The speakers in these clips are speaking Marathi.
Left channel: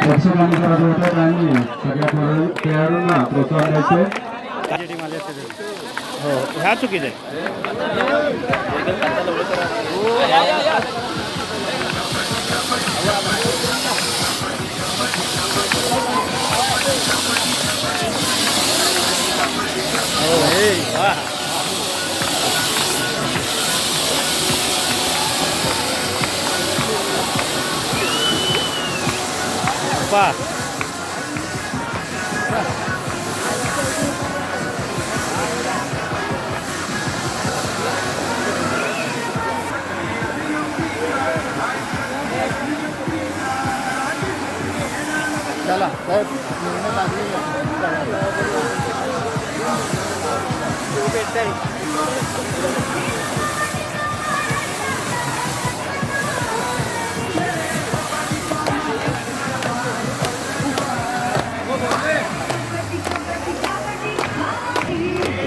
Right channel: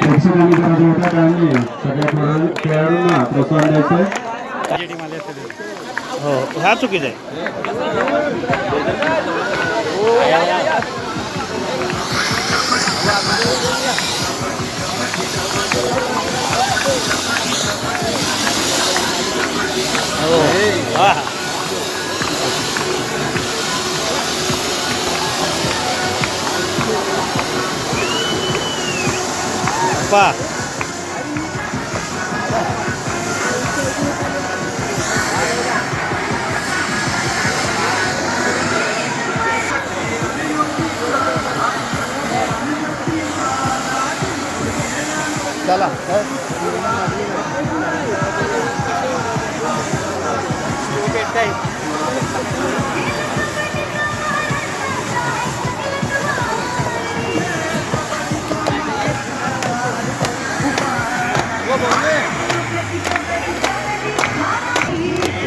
प्रेक्षकांनी करायचं होतं आणि सगळ्या खेळाडूंना प्रोत्साहन द्यायचे. हो ह्या चुकीचं आहे. हो वा पा चला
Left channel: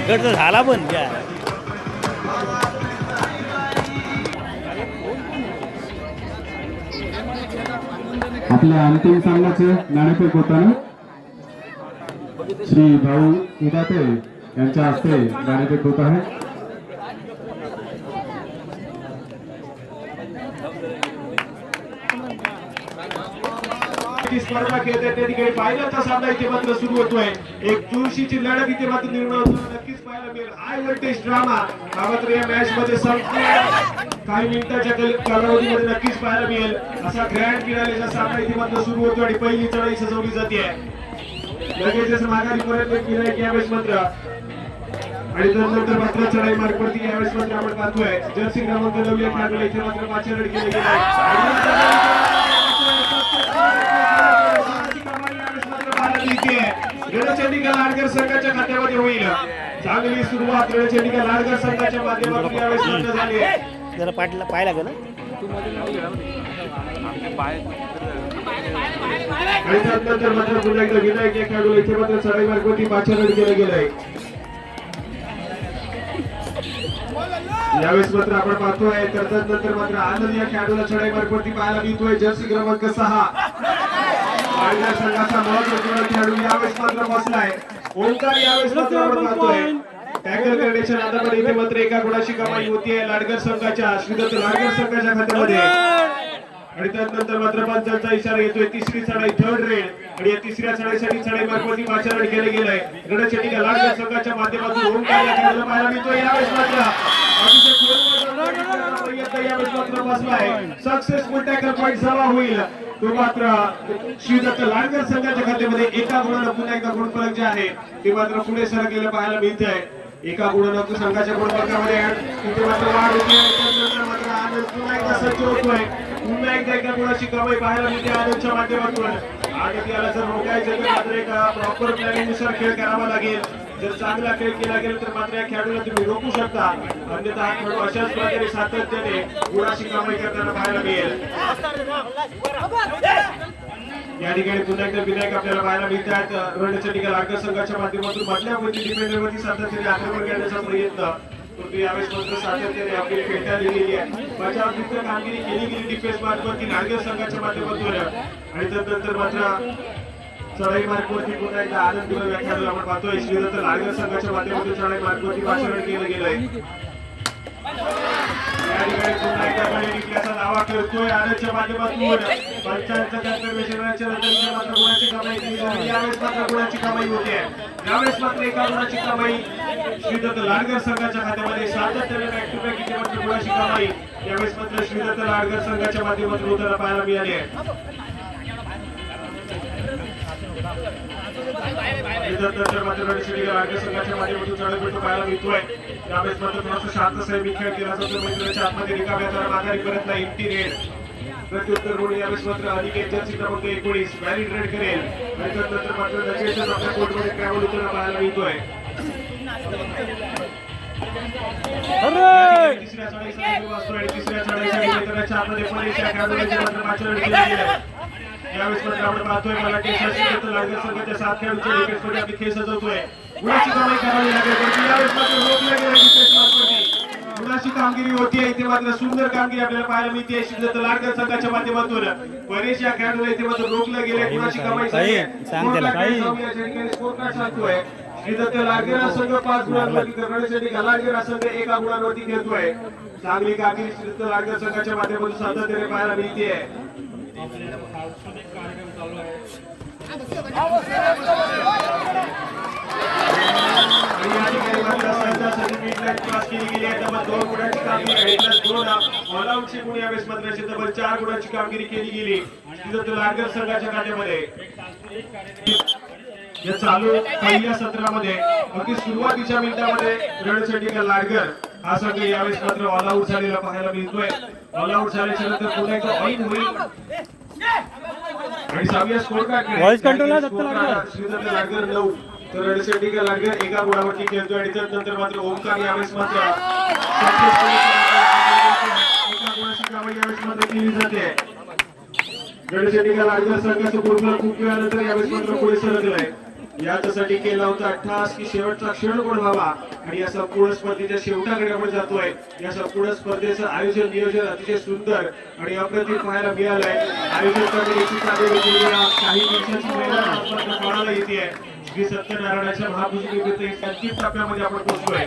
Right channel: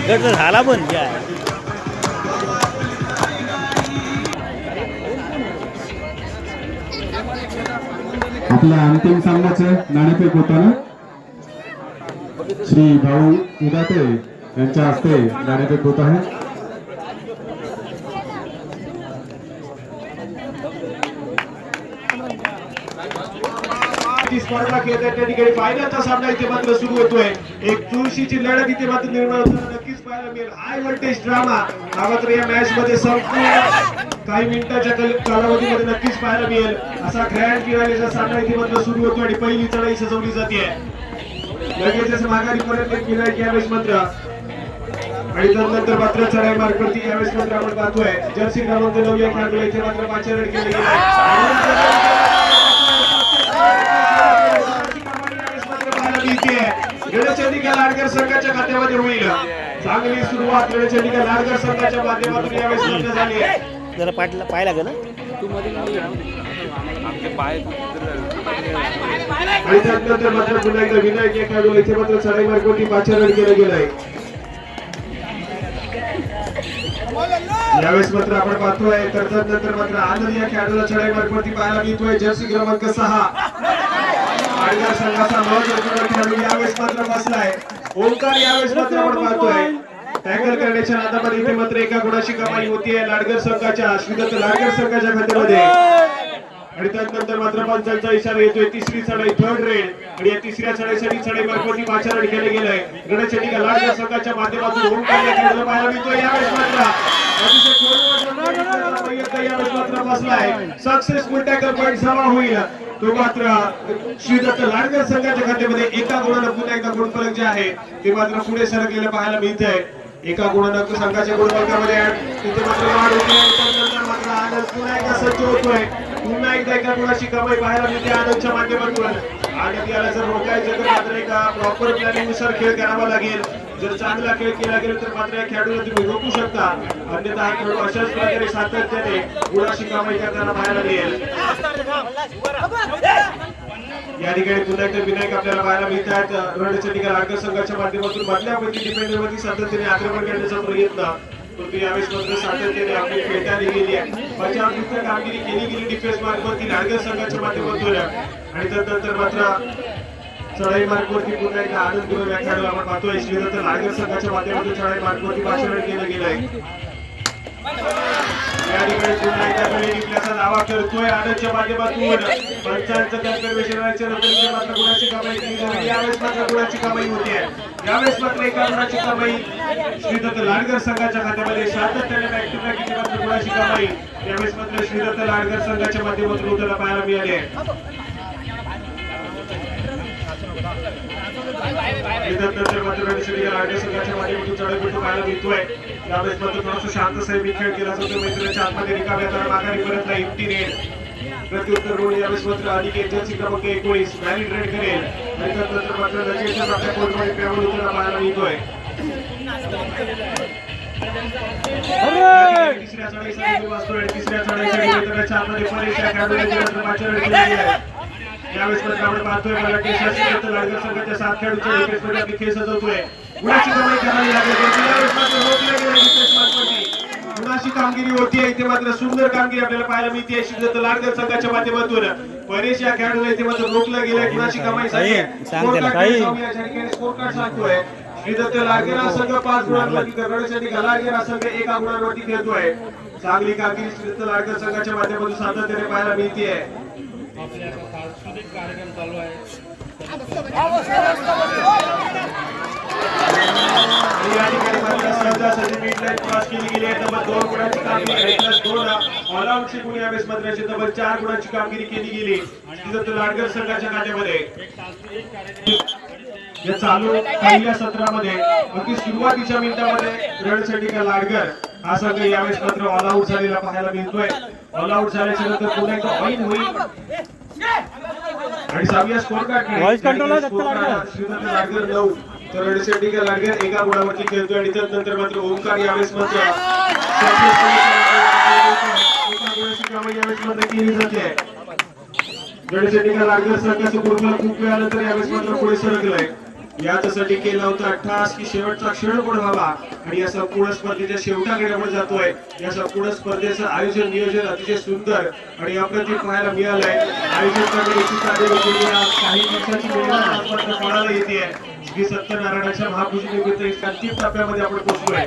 गट झाला पण काय आपल्या अंतिम सामन्याचे नाणेफेक होताना श्री भाऊ इदाते यांच्या हस्ते नाणेफेक होत आहे. स्पर्धा खेळत त्या ठिकाणी फायनलचा सामना इथे मात्र सुरू होतोय. एक चुरशीची लढत इथे मात्र निर्माण होताना नक्कीच पाहायला मिळेल. हाय व्होल्टेज ड्रामा हा मात्र या मॅच मध्ये काही मिनिटाच्या कालावधीमध्ये नक्कीच पाहायला मिळेल. असा ग्रँड फिनालेचा सामना इथे मात्र सुरू होतो आणि पहिली चढाई सजवली जाते. लगेचच माघारी परत केलाय की यावेळेस मात्र आणि त्यानंतर मात्र चढाई मार्गावरती यावेळेस मात्र आपण पाहतोय जर्सी क्रमांक 9 या खेळाडूला इथे मात्र पाचर केले गेले. रणचंडिका लाडकर संघाच्या खात्यामध्ये होईल. चांगली सुरुवात रणचंडिका लाडकर संघाच्या माध्यमातून यावेळेस मात्र झाली आहे. जरा पाहायला गेलं आणि त्यानंतर मात्र पुन्हा एकदा विनायक या खेळाडूला इथे मात्र चढाई मार्गावरती पाचारण केलं गेलंय. यावेळेस मात्र आपण पाहतोय नंतर मात्र आनंद या खेळाडूला चढाई मार्गावरती पाहायला मिळतोय. जर्सी क्रमांक 6 पालघर संघाचा महत्त्वपूर्ण खेळाडू यावेळेस मात्र बसलाय. ओंकार यावेळेस मात्र आपण पाहतोय टॅकल करण्याच्या नादामध्ये इथे मात्र एका गुणाची कमाई होतीये लाडकर संघाच्या श्रीदत्त लाडकर संघाच्या खात्यामध्ये. आणि त्यानंतर मात्र पंचांचा इशारा येतोय. तिसरी चढाई थर्ड रेड आणि या तिसऱ्या चढाईसाठी चढाई मार्गावरती पाचारण केले गेलंय. रणचंडिका लाडकर संघाच्या माध्यमातून ओंकार या खेळाडूला पाहायला मिळतोय. यावेळेस मात्र अतिशय प्रयत्न यावेळेस मात्र बसलाय. सक्सेसफुल टॅकल पॉईंट जमा होईल तो मात्र श्रीदत्त लाडकर संघाच्या खात्यामध्ये एका गुणानं पुन्हा एका गुणफलक जे आहे ते मात्र पुढे सरकलेलं पाहायला मिळतंय. एका गुणानं संघाच्या गुणफलकामध्ये तिथे मात्र वाढ होते. त्यानंतर मात्र आनंद पुन्हा एकदा सज्ज होतोय. पुन्हा एकदा एका गुणाची कमाई पाहायला मिळते आनंदच्या माध्यमातून. आणि याला जर रोखायचं तर मात्र एका प्रॉपर प्लॅनिंगनुसार खेळ करावा लागेल. जर चांगला खेळ केला गेला तर मात्र या खेळाडूला तुम्ही रोखू शकता. अन्यथा हा खेळाडू अशाच प्रकारे सातत्याने गुणाची कमाई करताना पाहायला मिळेल. या ठिकाणी पुन्हा एकदा विनायक आपल्याला पाहायला मिळतात. रणचंडिका लाडकर संघाच्या माध्यमातून बदल्यापैकी डिफेंडरवरती सातत्याने आक्रमण करण्याचा प्रयत्न तो यावेळेस मात्र सातत्याने आपली खेळता दिलेली आहे. बचावयुक्त कामगिरी केली गेली डिफेन्स मार्गावरती लाडकर संघाच्या माध्यमातून. आणि त्यानंतर मात्र चढाई मार्गावरती पुन्हा एकदा आनंद गुरव या खेळाडूला आपण पाहतोय. श्रीदत्त लाडकर संघाच्या माध्यमातून चढाई मार्गावरती पाचारण केलं गेलंय. या ठिकाणी पुन्हा एकदा गणितल्याचा दावा करतोय आनंदच्या माध्यमातून. पंचांच्या मात्र गुणाची कमाई केली जाते. यावेळेस मात्र गुणाची कमाई होते. यावेळेस मात्र एका गुणाची कमाई श्रीदत्त लाडकर संघाच्या खात्यामध्ये सातत्याने बॅक टू बॅक इथे मात्र गुणाची कमाई यावेळेस मात्र श्रीदत्त लाडकर संघाच्या माध्यमातून होताना पाहायला मिळाले. त्यानंतर मात्र रणचंडिका लाडकर संघाच्या माध्यमातून चढाई बिंदू पाहायला मिळतोय. यावेळेस मात्र थोडासा शांत संयमी खेळ केला जातो. मैत्रीच्या आतमध्ये रिकाम्या तर माघारी परतला एम्प्टी नेट. प्रत्युत्तर रोड यावेळेस मात्र अधिक जर्सी क्रमांक 19 मॅरिड रेड करेल. आणि त्यानंतर मात्र लगेचच आपल्या कोर्टमध्ये खेळाडू उतरला पाहायला मिळतोय. तिसऱ्या चढाईसाठी वाचतोय आणि तिसऱ्या चढाईसाठी मैत्रीच्या आतमध्ये परेशा खेळाडूला पाचारण केले गेले. यावेळेस मात्र आपण पाहतोय लाडकर संघाच्या 7 खेळाडूंच्या डिफेन्स मध्ये आपली खेळ सजवतोय. गुणाची कमाई करावी लागेल. अशी कामगिरी होती इथे मात्र सुंदर कामगिरी आपल्याला पाहायला मिळते श्रीदत्त लाडकर संघाच्या माध्यमातून परेश या खेळाडूला इथे मात्र रोखलं गेलंय कुणाची कमाई झाली सांग त्याला काही स्कोर कार्ड सांगतोय श्रीदत्त लाडकर हा संघ 5 गुणांवरती करण्यासाठी लाडकर हा संघ 1 गुणांवरती खेळतोय चांगली कामगिरी श्रीदत्त लाडकर संघाच्या माध्यमातून सातत्याने पाहायला मिळते चार गुणांची कामगिरी केली गेली लाडकर संघाच्या खात्यामध्ये या चालू पहिल्या सत्रामध्ये अगदी सुरुवातीच्या मिनिटामध्ये रणसंडिका लाडकर हा संघ यावेळेस मात्र ऑल आउट झालेला पाहायला मिळतोय ऑल आउट झाल्याच्या नंतर पुन्हा एकदा फाईन होईल आणि 6व्या स्कोर कार्ड श्रीदत्त लाडकर 9 तर रणसंडिका लाडकर 1 गुणावरती खेळतोय आणि त्यानंतर मात्र ओमकार यावेळेस मात्र 1 गुणाची कामं यावेळेस मात्र केली जाते रणसंडिका लाडकर संघाचं पूर्ण खूप वेळानंतर यावेळेस मात्र पुढे सरकलंय याच्यासाठी केला होता अट्टहास की शेवटचा क्षण कोण व्हावा आणि या संपूर्ण स्पर्धेच्या शेवटाकडे आपण जातोय या संपूर्ण स्पर्धेचं आयोजन नियोजन अतिशय सुंदर आणि अप्रतिम पाहायला मिळालंय आयोजन कमिटीची काही दिवसाची मेहनत पाहायला येते श्री सत्यनारायणाच्या महापूजनेनिमित्त अंतिम टप्प्यामध्ये आपण पोहोचलोय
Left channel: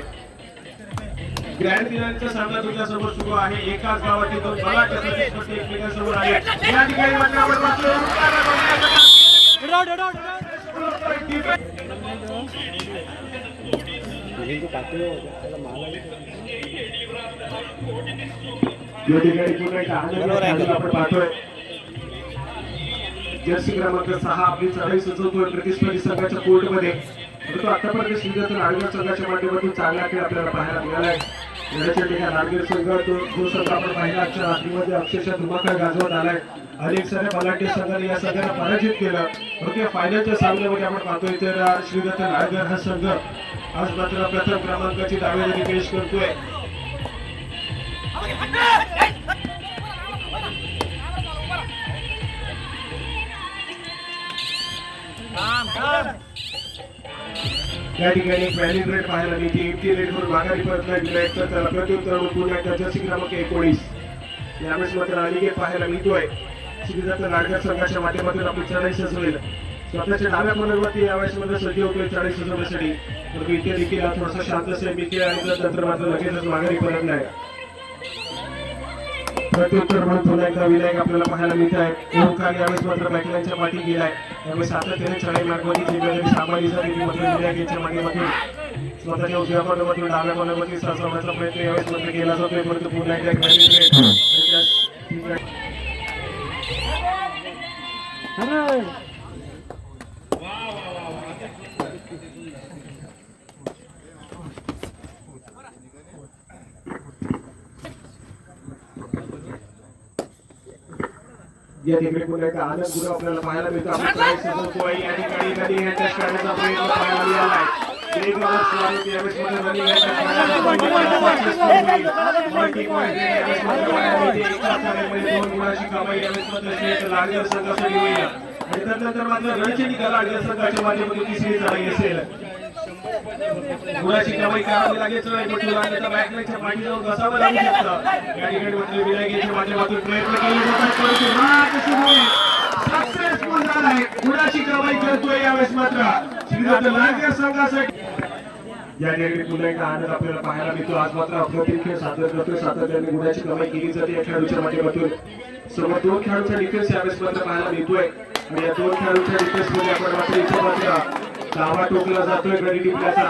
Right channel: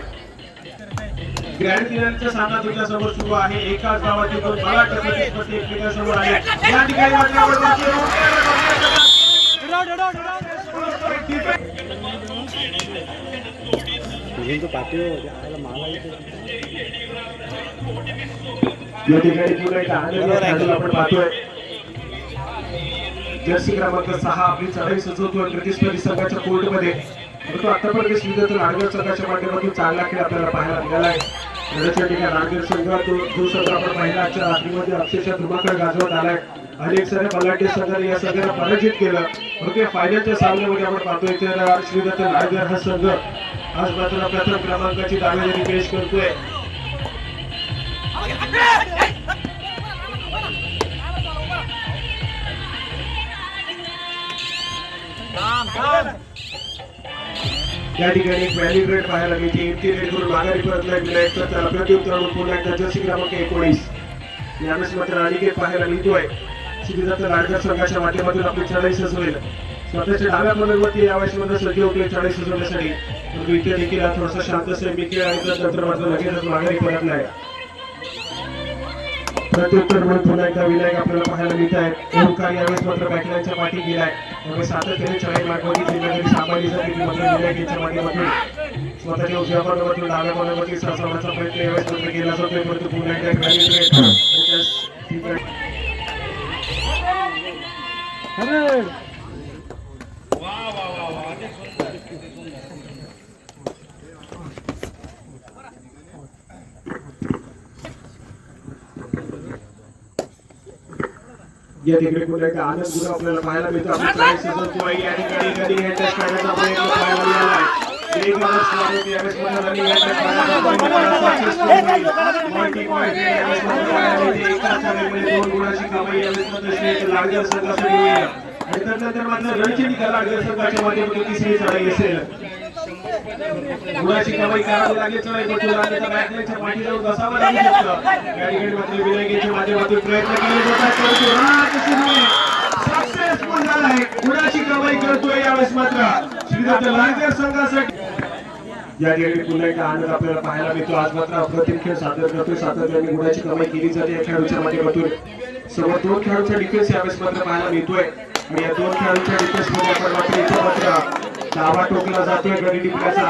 ग्रँड फिनालेचा सामना तुमच्या समोर सुरू आहे एकाच गावातील दोन बलाढ्य प्रतिस्पर्धी एकमेकांसमोर आहेत या ठिकाणी मात्र आपण पाहतोय या ठिकाणी पुन्हा एक आनंद आपण पाहतोय जर्सी क्रमांक 6 आपली चढाई सुचवतोय प्रतिस्पर्धी संघाच्या कोर्टमध्ये परंतु आतापर्यंत श्रीदत्त लाडकर संघाच्या माध्यमातून चांगला खेळ आपल्याला पाहायला मिळालाय रणसंडिका लाडकर संघ जो संघ आपण पाहिला आजच्या रात्रीमध्ये अक्षरशः धुमाकूळ गाजवत आलाय अनेक साऱ्या बलाढ्य संघाने या संघाला पराजित केलं परंतु या फायनलच्या सामन्यामध्ये आपण पाहतोय तर श्रीदत्त लाडकर हा संघ आज मात्र प्रथम क्रमांकाची दावेदारी पेश करतोय या ठिकाणी व्हॅल्यू रेट पाहायला मिळते एमटी रेट वरून माघारी परतला गेलाय तर त्याला प्रत्युत्तर म्हणून पुन्हा एकदा जर्सी क्रमांक 19 यावेळेस मात्र अनिकेत पाहायला मिळतोय श्रीदत्त लाडकर संघाच्या माध्यमातून आपली चढाई सजवेल स्वतःच्या डाव्या बरोबरती यावेळेस मध्ये सज्ज होते चढाई सजवण्यासाठी परंतु इथे देखील हा थोडासा शांत सेमी खेळ आणि त्यानंतर मात्र लगेचच माघारी परतलाय प्रत्युत्तर म्हणून पुन्हा एकदा विनायक आपल्याला पाहायला मिळत आहे ओमकार यावेळेस मात्र बॅकलाईनच्या पाठी गेलाय त्यामुळे सातत्याने चढाई मार्गावरती जिम्मेदारी सांभाळली जाते ती मात्र विनायक यांच्या माध्यमातून स्वतःच्या उजव्या बरोबरतून डाव्या बरोबरती सरसावण्याचा प्रयत्न यावेळेस मात्र केला जातोय परंतु पुन्हा एकदा या ठिकाणी पुन्हा एकदा आनंद गुरु आपल्याला पाहायला मिळतो आपण ट्राय सजवतो आहे या ठिकाणी कधी ह्याच्या करण्याचा प्रयत्न पाहायला मिळालाय एक वर्ष मारून यावेळेस मध्ये रनिंग ह्याच्या करण्याचा प्रयत्न 2 गुणाची कमाई यावेळेस मध्ये लाडकर संघासाठी होईल आणि त्यानंतर मात्र रणसंडिका लाडकर संघाच्या माध्यमातून तिसरी चढाई असेल गुणाची कमाई करावी लागेल चढाई पण तुला आता बॅकलाईनच्या पाठी जाऊन बसावं लागू शकतं या ठिकाणी मात्र विनायकाच्या माध्यमातून प्रयत्न केले जातात सक्सेसफुल झालाय गुणाची कमाई करतोय यावेळेस मात्र श्रीदत्त लाडकर संघासाठी या ठिकाणी पुन्हा एकदा आनंद आपल्याला पाहायला मिळतो आज मात्र अप्रतिम खेळ सादर करतोय सातत्याने गुणाची कमाई केली जाते या खेळाडूच्या माध्यमातून सर्व 2 खेळाडूंचा डिफेन्स यावेळेस मात्र पाहायला मिळतोय आणि या 2 खेळाडूंच्या डिफेन्स मध्ये आपण मात्र इथे मात्र लावा टोकला जातोय गडी टिपल्याचा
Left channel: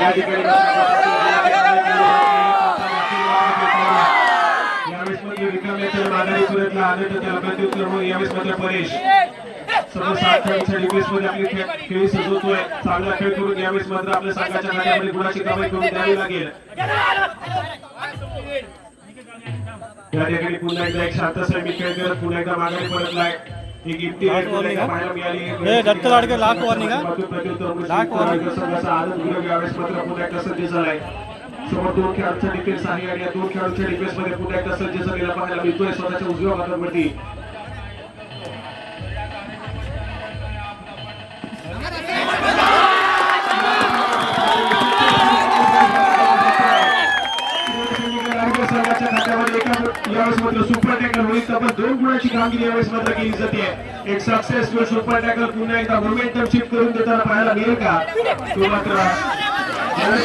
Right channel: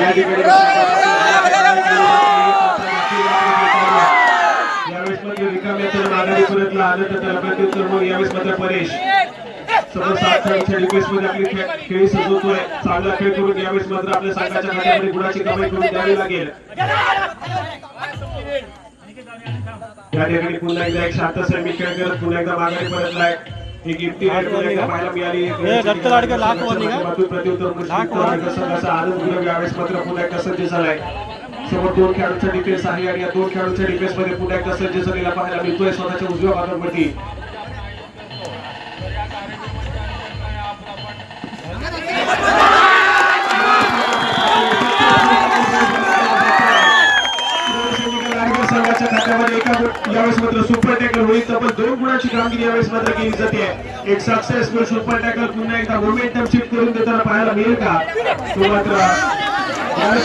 या ठिकाणी यावेळेस मात्र रिकाम्या तर माघारी परतला आनंद त्याला प्रत्युत्तर म्हणून यावेळेस मात्र परेश समोर 7 खेळाडूंच्या डिफेन्स मध्ये आपली खेळ सजवतोय चांगला खेळ करून यावेळेस मात्र आपल्या संघाच्या खात्यामध्ये गुणाची कमाई करून द्यावी लागेल या ठिकाणी पुन्हा एकदा एक शांत सेमी खेळ करत पुन्हा एकदा माघारी परतलाय एक इम्ती आहे पाहायला मिळाली प्रत्युत्तर आनंद गुरु यावेळेस मात्र पुन्हा एकदा सज्ज झालाय समोर 2 खेळाडूंचा डिफेन्स आहे आणि या 2 खेळाडूंच्या डिफेन्स मध्ये पुन्हा एकदा सज्ज झालेला पाहायला मिळतोय स्वतःच्या उजव्या बाजूवरती यावेळेस मात्र सुपर टॅकल होईल तब्बल 2 गुणाची कामगिरी यावेळेस मात्र केली जाते एक सक्सेसफुल सुपर टॅकल पुन्हा एकदा मोमेंटम शिफ्ट करून देताना पाहायला मिळेल का तो मात्र यावेळेस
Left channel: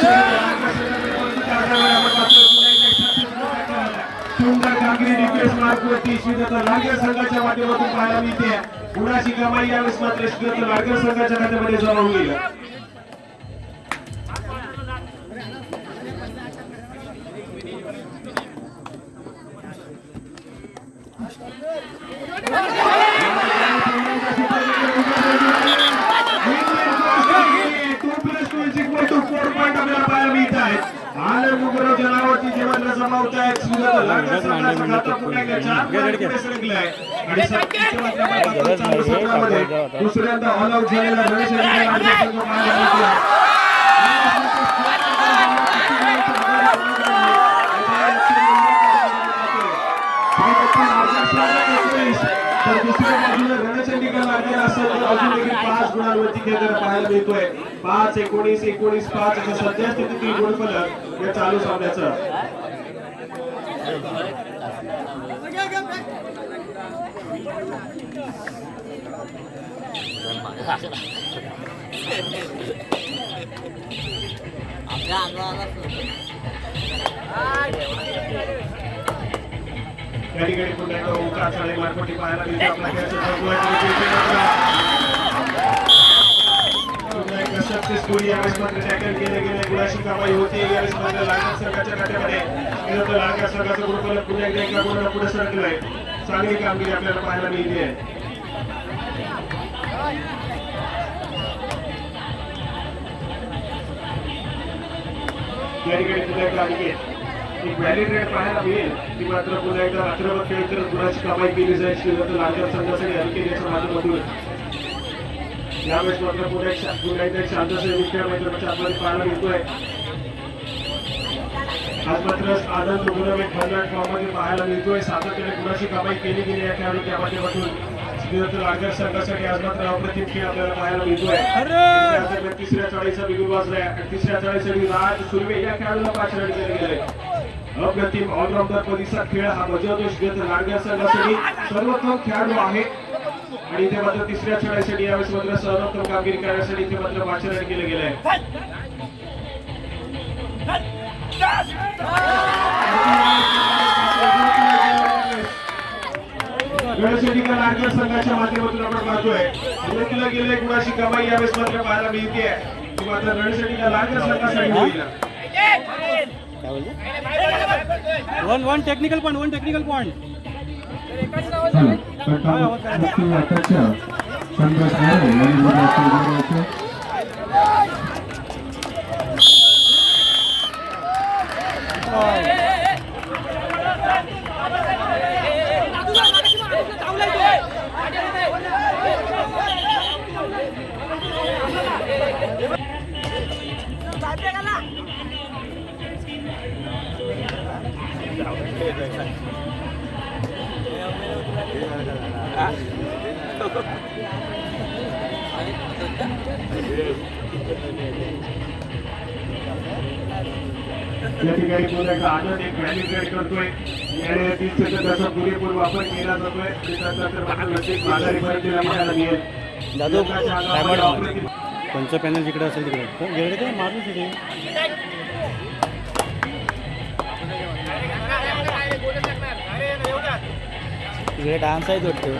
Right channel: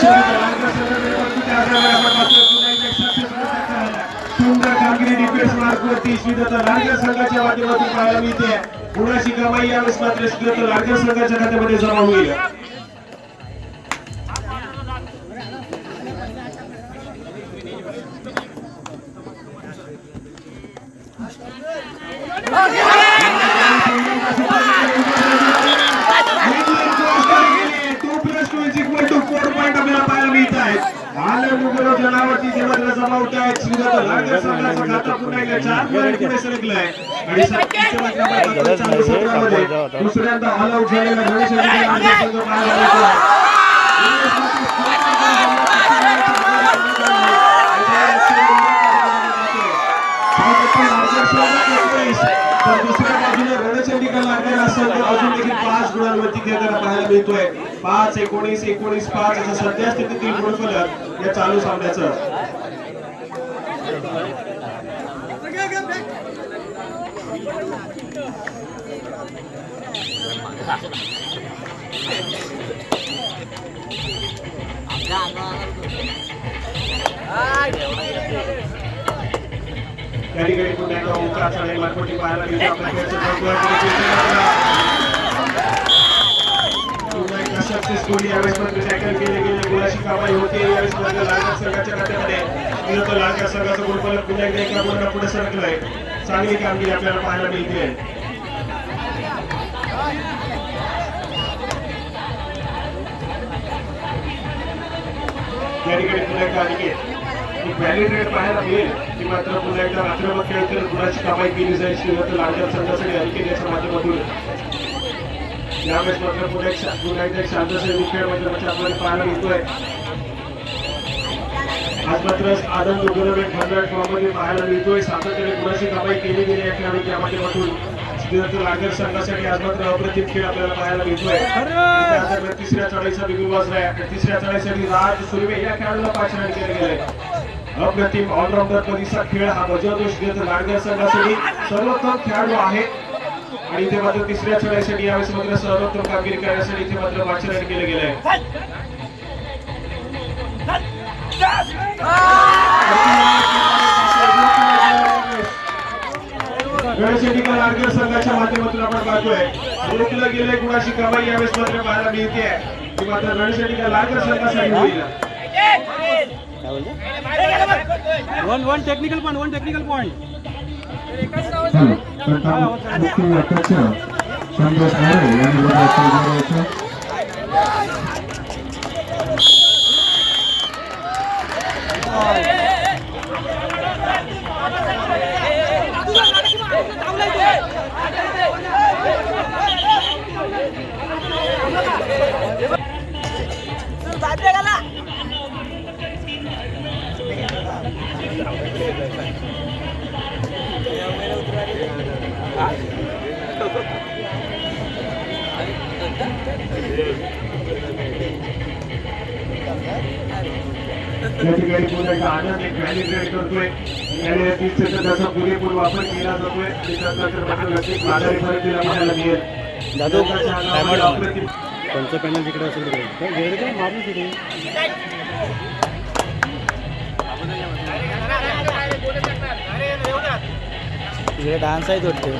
सुंदर कामगिरी डिफेन्स मार्कवरती श्रीदत्त लाडकर संघाच्या माध्यमातून पाहायला मिळते गुणाची कमाई यावेळेस मात्र श्रीदत्त लाडकर संघाच्या खात्यामध्ये जमा होईल जनावरती जेव्हा जमा होत आहेत श्रीदत्त लाडकर संघाचा खाता पुन्हा एकदा 4 पॉईंट पुढे सरकलाय आणि दुसऱ्यांदा ऑल आउट झालेला रणशंकर पाहायला मिळतो तर दुसऱ्या बाजूला रणचंडिका लागलेला असेल तर अजून देखील 5 गुणांवरती खेळताना पाहायला मिळतोय 5 19 19 5 असं सध्या स्थितीतील गुणफलक या चालू सामन्याचं या ठिकाणी पुन्हा एकदा ओंकार साडे मार्फती पाहायला मिळतो सक्सेसफुली यावेळेस मात्र टॅकल केले गेले गुणाची कमाई होते यावेळेस मात्र लाडकर संघाच्या खात्यामध्ये श्रीदत्त लाडकर संघाचा गुणफलक पुन्हा एकदा एका गुणाला पुढे सरकलाय चांगली कामगिरी आपल्याला पाहायला मिळते या ठिकाणी पुन्हा एकदा एक व्हॅलिड रेट पाहायला मिळेल ती मात्र पुन्हा एकदा आक्रमक खेळ करत गुणाची कमाई केली जाईल श्रीदत्त लाडकर संघासाठी अलिकेच्या माध्यमातून यावेळेस मात्र पुन्हा एकदा शांतसेवी खेळ माध्यमाच्या आपल्याला पाहायला मिळतोय आज मात्र आदम दोघं एक भरलेट फॉर्ममध्ये पाहायला मिळतोय सातत्याने गुणाची कमाई केली गेली या खेळाडूच्या माध्यमातून श्रीदत्त लाडकर संघासाठी आज मात्र अप्रतिम खेळ आपल्याला पाहायला मिळतोय तिसऱ्या चढाईचा बिगुल वाजलाय तिसऱ्या चढाईसाठी राज सुर्वे या खेळाडूला 5 रन केले गेले अप्रतिम ऑलराऊंडर परीक्षा खेळ हा बजावतो श्रीदत्त लाडकर संघासाठी सर्वोत्तम खेळाडू आहे आणि इथे मात्र तिसऱ्या चढाईसाठी यावेळेस मात्र सर्वोत्तम कामगिरी करण्यासाठी इथे मात्र 5 रन केले गेले रणशंकर लाडकर संघाच्या माध्यमातून आपण पाहतोय रोखलं गेले गुणाची कमाई यावेळेस मात्र पाहायला मिळते ती मात्र रणशंकर लाडकर संघासाठी होईल वन टेक्निकल पॉइंट अध्यक्ष संतोष मोरे यांनी बोलायचं या ठिकाणी पुन्हा एकदा आनंद एक व्हॅलिडेट करतोय याने 30 सेकंदाचा पुरेपूर वापर केला जातोय त्याच्यानंतर मात्र नक्कीच माघारी परत दिला म्हणायला मिळेल जाधव कोणचं पॅनल जिकडे असेल तिकडे तिकडे डान्स आहेत वाटतं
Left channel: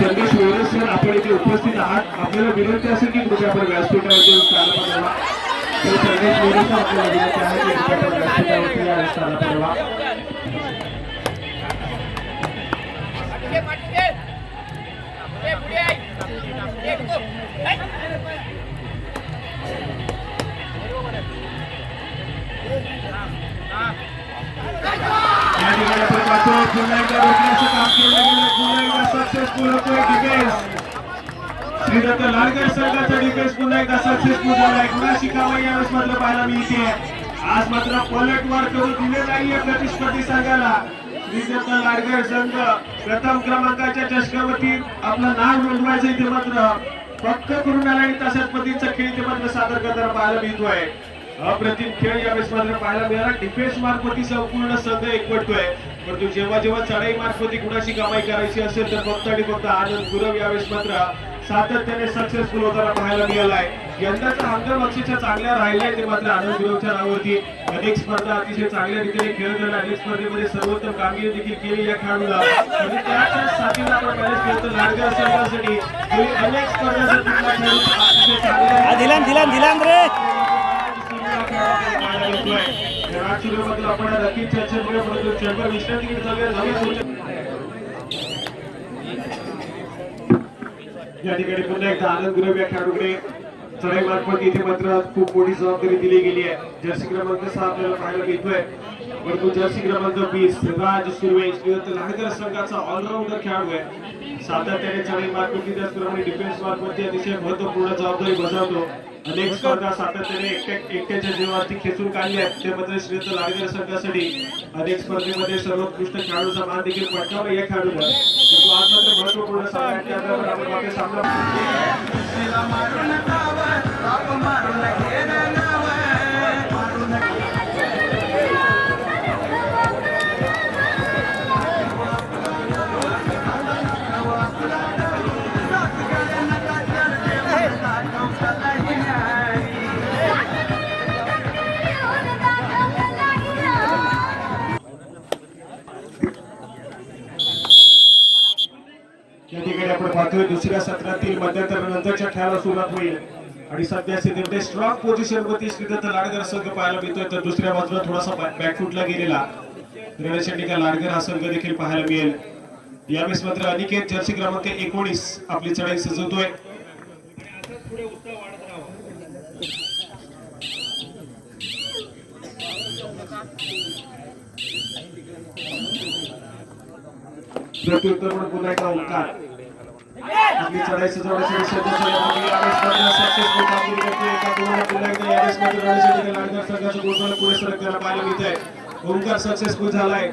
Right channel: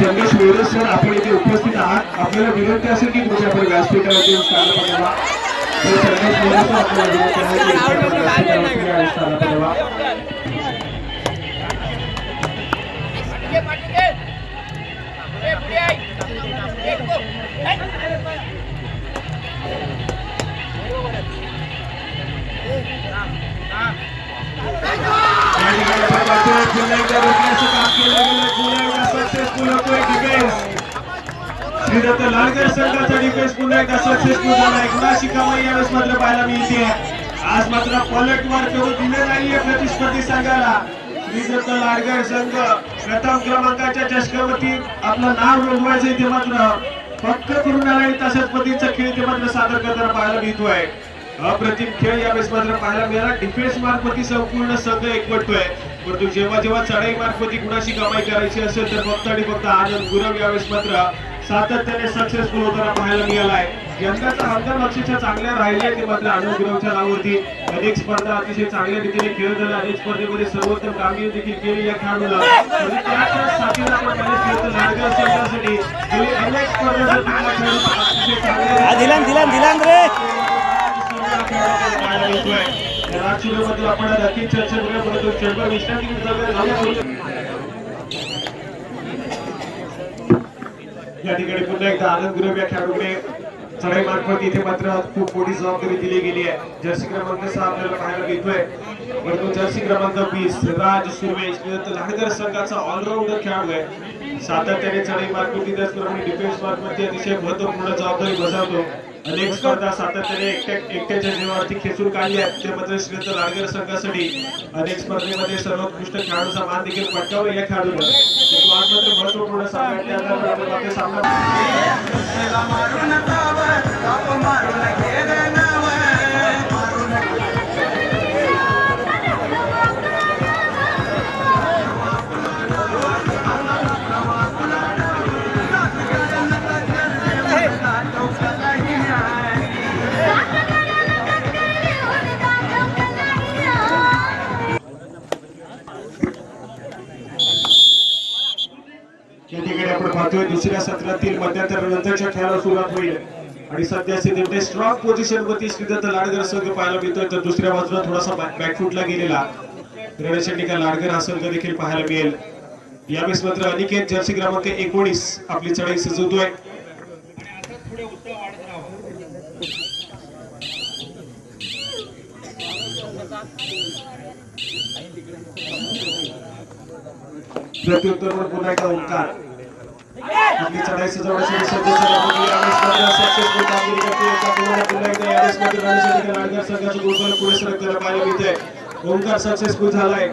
संदेश वेरे सर आपण इथे उपस्थित आहात आपल्याला विनंती असेल की तुमच्या आपण व्यासपीठावरती येऊन स्थान पडावा संदेश वेरे सर आपल्याला विनंती आहे की आपण व्यासपीठावरती या स्थान पडावा श्रीदत्त लाडकर संघाचा डिफेन्स पुन्हा एकदा सक्सेसफुल झाला गुणाची कमाई यावेळेस मधलं पाहायला मिळते आज मात्र पलटवार करू दिले नाहीये प्रतिस्पर्धी संघाला. श्रीदत्त लाडगर संघ प्रथम क्रमांकाच्या चषकावरती आपलं नाव नोंदवायचं ते मात्र फक्त करून आला आणि तशाच पद्धतीचा खेळ ते मात्र सादर करताना पाहायला मिळतोय. अप्रतिम खेळ यावेळेस मात्र पाहायला मिळाला. डिफेन्स मार्फती संपूर्ण संघ एकवटतोय, परंतु जेव्हा जेव्हा चढाई मार्फती कुणाची कमाई करायची असेल तर फक्त आणि फक्त आनंद गुरव यावेळेस मात्र सातत्याने सक्सेसफुल होताना पाहायला मिळालाय. यंदाचा हंगाम अक्षरशः चांगल्या राहिले ते मात्र आनंद गुरवच्या नावावरती अनेक स्पर्धा अतिशय चांगल्या रीतीने खेळताना अनेक स्पर्धेमध्ये सर्वोत्तम कामगिरी देखील केली या खेळाडूला. त्याच्याच साथीला आपण पाहिले श्रीदत्त लाडगर संघासाठी गेली अनेक स्पर्धा अतिशय चांगल्या दिलान रे राजशिरोमध्ये आपण नक्की चर्चेमध्ये परंतु चेंबर विश्रांतीकडे जाऊया. या ठिकाणी पुन्हा एकदा आनंद गुरव या खेळाडूकडे चढाई मार्फत इथे मात्र खूप मोठी जबाबदारी दिली गेली आहे. जर्सी क्रमांक 6 आपल्याला पाहायला मिळतोय, परंतु जर्सी क्रमांक 20 राज सुर्वे श्रीदत्त लाडगर संघाचा ऑलराऊंडर खेळाडू आहे. सातत्याने चढाई मार्फत त्याचप्रमाणे डिफेन्स मार्फत अतिशय महत्वपूर्ण जबाबदारी बजावतो. अनेक स्पर्धा सातत्याने एकट्याच्या जीवावरती खेचून काढल्या. ते मात्र श्रीदत्त लाडगर संघासाठी अनेक स्पर्धेमध्ये सर्वोत्कृष्ट खेळाडूचा मान देखील पटकावला या खेळाडूला. आज मात्र महत्वपूर्ण सामना या ठिकाणी आपण पाहतोय दुसऱ्या सत्रातील मध्यंतरानंतरच्या खेळाला सुरुवात होईल आणि सध्या स्थितीमध्ये स्ट्रॉंग पोझिशन वरती श्रीदत्त लाडगर संघ पाहायला मिळतोय, तर दुसऱ्या बाजूला थोडासा बॅकफुटला गेलेला रणशंडिका लाडगर हा संघ देखील पाहायला मिळेल. यावेळेस मात्र अनिकेत जर्सी क्रमांक 19 आपली चढाई सजवतोय. प्रत्युत्तर म्हणून पुन्हा एकदा ओंकार आपली चढाई सजवण्यासाठी सज्ज झाल्यामुळे यावेळेस मात्र सक्सेसफुल कामगिरी करते. पुन्हा एकदा यावेळेस मात्र रणशंडिका लाडगर संघाचं ग्रुपला पुढे सरकताना पाहायला मिळतंय. ओंकार सक्सेसफुल झालाय.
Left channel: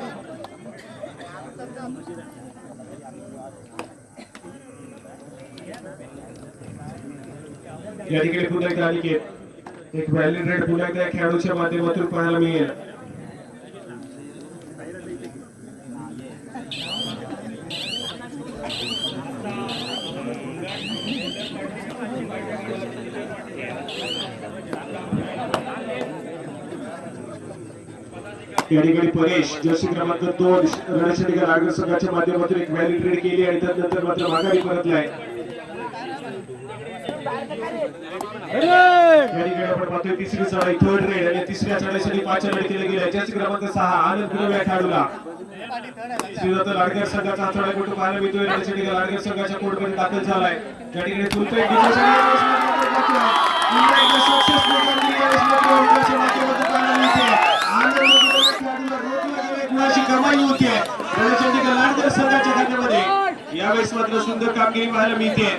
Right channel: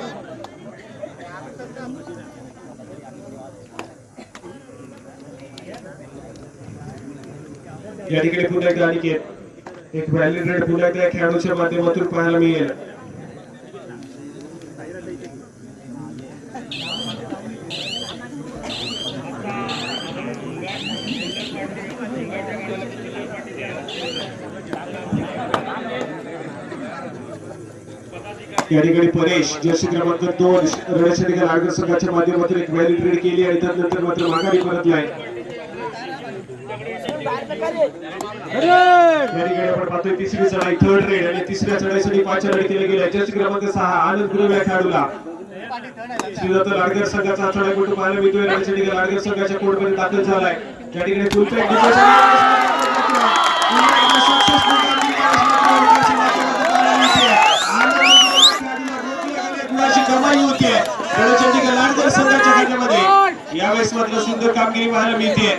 या ठिकाणी पुन्हा एकदा अनिकेत एक व्हॅलिड रेड पुन्हा एकदा खेळाडूच्या माध्यमातून पाहायला मिळेल. या ठिकाणी परेश जर्सी क्रमांक 2 रणशंडिका लाडगर संघाच्या माध्यमातून एक व्हॅलिड रेड केली आणि त्यानंतर मात्र माघारी परतलाय. या ठिकाणी आपण पाहतोय तिसरी चढाई थर्ड रेड आणि तिसऱ्या चढाईसाठी 5 रेड केले गेले. जर्सी क्रमांक 6 आनंद गुरव या खेळाडूला श्रीदत्त लाडगर संघाचा चढाईपटू पाहायला मिळतोय. रणशंडिका लाडगर संघाच्या कोर्टमध्ये दाखल झालाय. त्या ठिकाणी फुलपेट कमाई होतीये रणशंडिका लाडगर संघाच्या खात्यामध्ये. यावेळेस मात्र सुंदर कामगिरी पाहायला मिळते.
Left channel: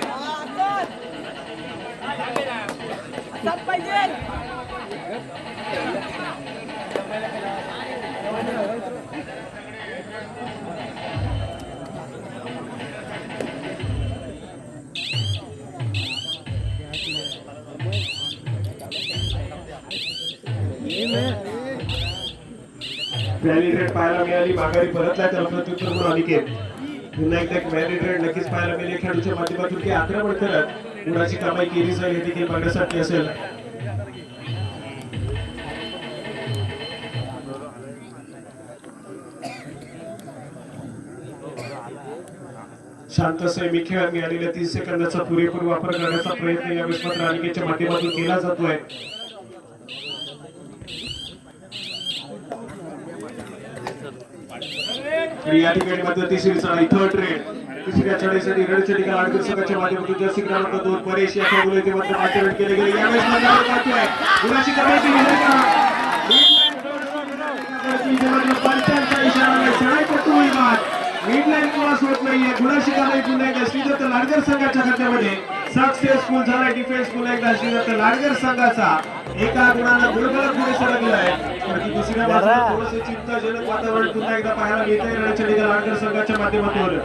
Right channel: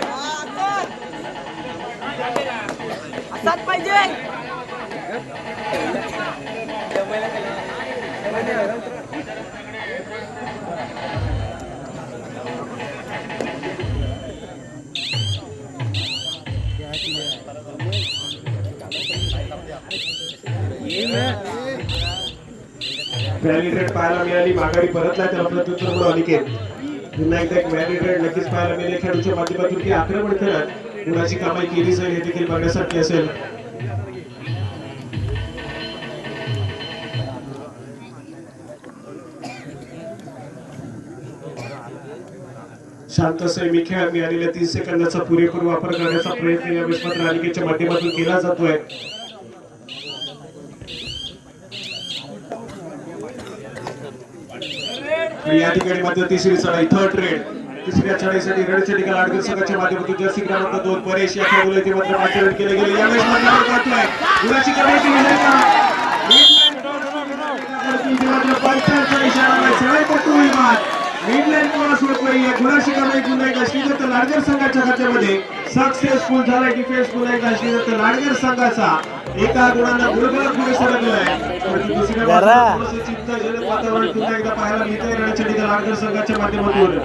व्हॅलिड रेड पाहायला मिळाली, माघारी परतला त्याला प्रत्युत्तर म्हणून अनिकेत. पुन्हा एकदा एक व्हॅलिड रेड नक्कीच पाहायला मिळेल. खेळाडूच्या माध्यमातून की आक्रमण करत कुणाची कमाई केली जाईल हे देखील बघण्यासाठी असेल. शांत संयमी खेळ मिळालेल्या 30 सेकंदाचा पुरेपूर वापर करण्याचा प्रयत्न यावेळेस मात्र अनिकेतच्या माध्यमातून केला जातोय. या ठिकाणी मात्र तिसरी चढाई थर्ड रेड तिसऱ्या चढाईसाठी रणशंडिका लाडगर संघाच्या माध्यमातून जर्सी क्रमांक 2 परेश या खेळाडूला ते मात्र 5 रेड केले गेले. यावेळेस गुणाची कमाई केली मिडलँड क्रॉस होत नाहीये. गुणाची कमाई पुन्हा एकदा श्रीदत्त लाडगर संघाच्या खात्यामध्ये. सक्सेसफुल झालाय डिफेन्स पुन्हा एकदा श्रीदत्त लाडकर संघाचा एका गुणांना गुणफलक पुढे सरकलाय. तर ती दुसऱ्या बाजूला थोडंसं चिंताजनक वातावरण पुन्हा एकदा पाहायला मिळतंय रणचंडीगड लाडकर संघाच्या माध्यमातून.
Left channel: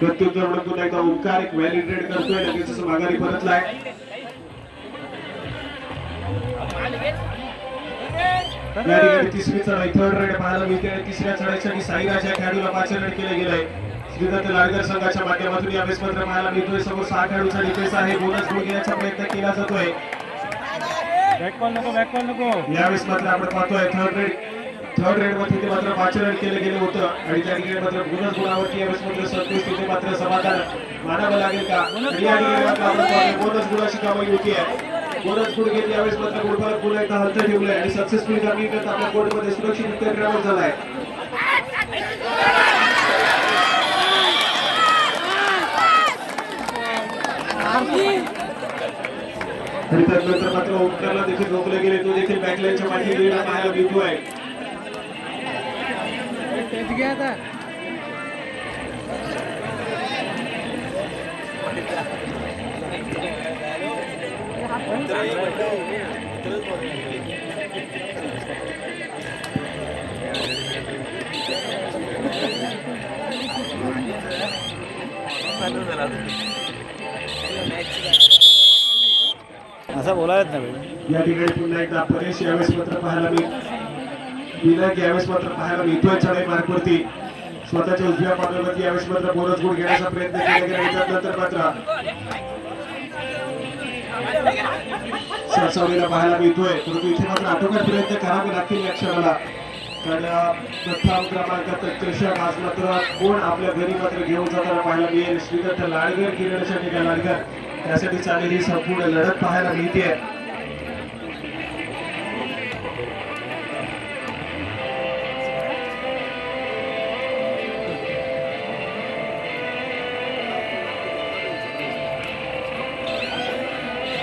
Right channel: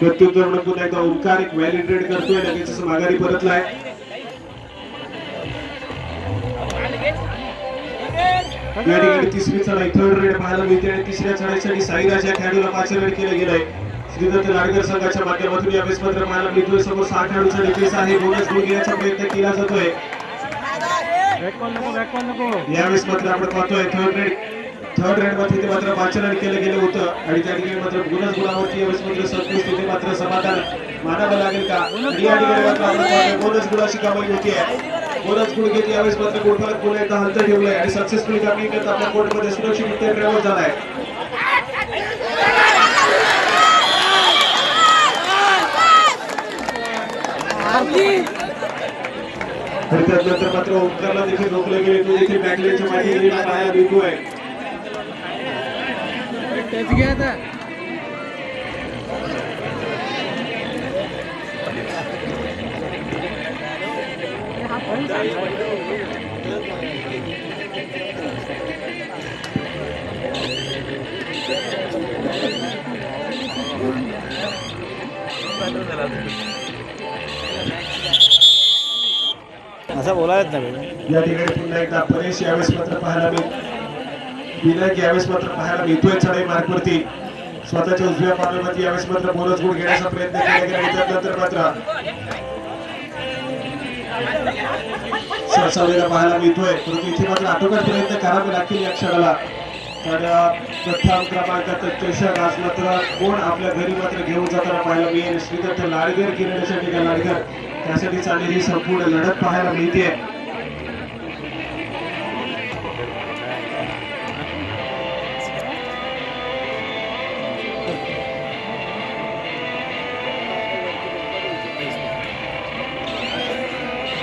प्रत्युत्तर म्हणून पुन्हा एकदा ओंकार एक व्हॅलिडेट करतोय, लगेच माघारी परतलाय. या ठिकाणी तिसरी चढाई थर्ड रेड पाहायला मिळते आणि तिसऱ्या चढाईसाठी साईराज या खेळाडूला 5 रेड केले गेलंय. श्रीदत्त लाडकर संघाच्या माध्यमातून या बेस मात्र पाहायला मिळतोय. समोर 6 खेळाडूचा डिफेन्स आहे, बोनस गुण घेण्याचा प्रयत्न केला जातोय. यावेळेस मात्र आपण पाहतोय थर्ड रेड मध्ये मात्र 5 रन केले गेले होतं आणि त्या ठिकाणी मात्र बोनस गुणावरती यावेळेस मात्र संतोष तिथे मात्र समाधान मानावं लागेल का. या ठिकाणी मात्र आपण पाहतोय बोनस गुणाची कमाई होती आहे. बोनस गुण घेत यावेळेस मात्र गोलमाल पुन्हा एकदा हलत ठेवलंय आणि सक्सेसफुली कामी करत आपल्या कोर्टमध्ये सुरक्षितरित्या ड्रायव्हर झालाय. त्यानंतर मात्र ओंकारला देखील रोखले गेले, तो देखील बॅकलाईनच्या मागे गेलेला पाहायला मिळतोय. असं बोलायच नाही. या ठिकाणी पुन्हा एकदा परेश यावेळेस मात्र पाहायला विनायक यावेळेस मात्र पाहायला मिळतोय चढाई मार्गवरती. स्वतःच्या उजव्या पार्लरमध्ये यावेळेस मात्र बोनस गुण घेण्याचा प्रयत्न केला गेला. त्यानंतर मात्र सरसावलेला पाहायला मिळतोय, परंतु इथे मात्र आटोकाट प्रयत्न करावे लागतील या क्षणाला. कारण प्रथम क्रमांकात चषक आज मात्र कोण आपल्या घरी मात्र घेऊन जाताना पाहायला मिळेल. श्रीदत्त लाडकर किरणसाठी का लाडकर त्यासाठी चाललेली संपूर्ण लढत पाहायला मिळते.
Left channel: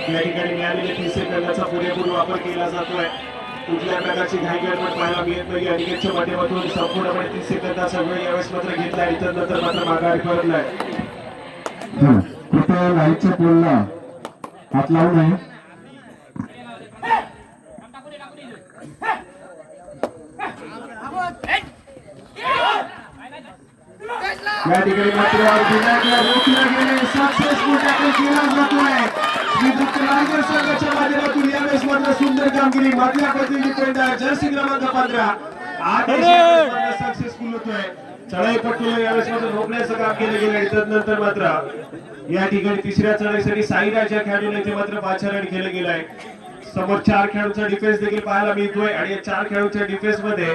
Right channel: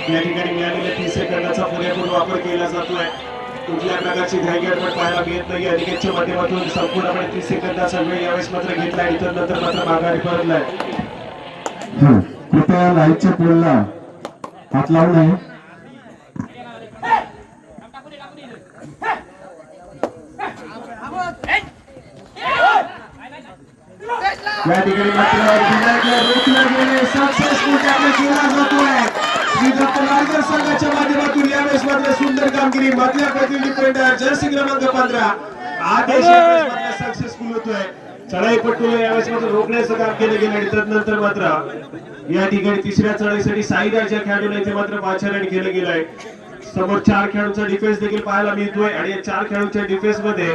या ठिकाणी मिळालेल्या 30 सेकंदाचा पुरेपूर वापर केला जातोय. कुठल्या प्रकारची घाई गडबड पाहायला मिळत नाही. अनिकेतच्या माध्यमातून संपूर्णपणे 30 सेकंदाचा वेळ यावेळेस मात्र घेतला आणि त्यानंतर मात्र माघारी परतलाय. कृपया लाईटच्या पोलला हात लावू नये. या ठिकाणी मात्र विनायकला रोखले गेले. सक्सेसफुल टॅकल केला जातोय. श्रीदत्त लाडकर संघाच्या माध्यमातून यावेळेस मात्र सुंदर कामगिरी. मधल्या पतील डिफेंडर जर्सी क्रमांक 15 आदेश सक्सेसफुल होतोय. चढाईपट्टूला यावेळेस मात्र रोखण्याचं काम केलं गेलं आणि त्यानंतर मात्र या ठिकाणी तिसऱ्या चढाईसाठी साईराज या खेळाडूला इथे मात्र 5 रन केलं गेलंय. समोर 4 खेळाडूंचा डिफेन्स देखील पाहायला मिळतोय आणि या 4 खेळाडूंच्या डिफेन्स मध्ये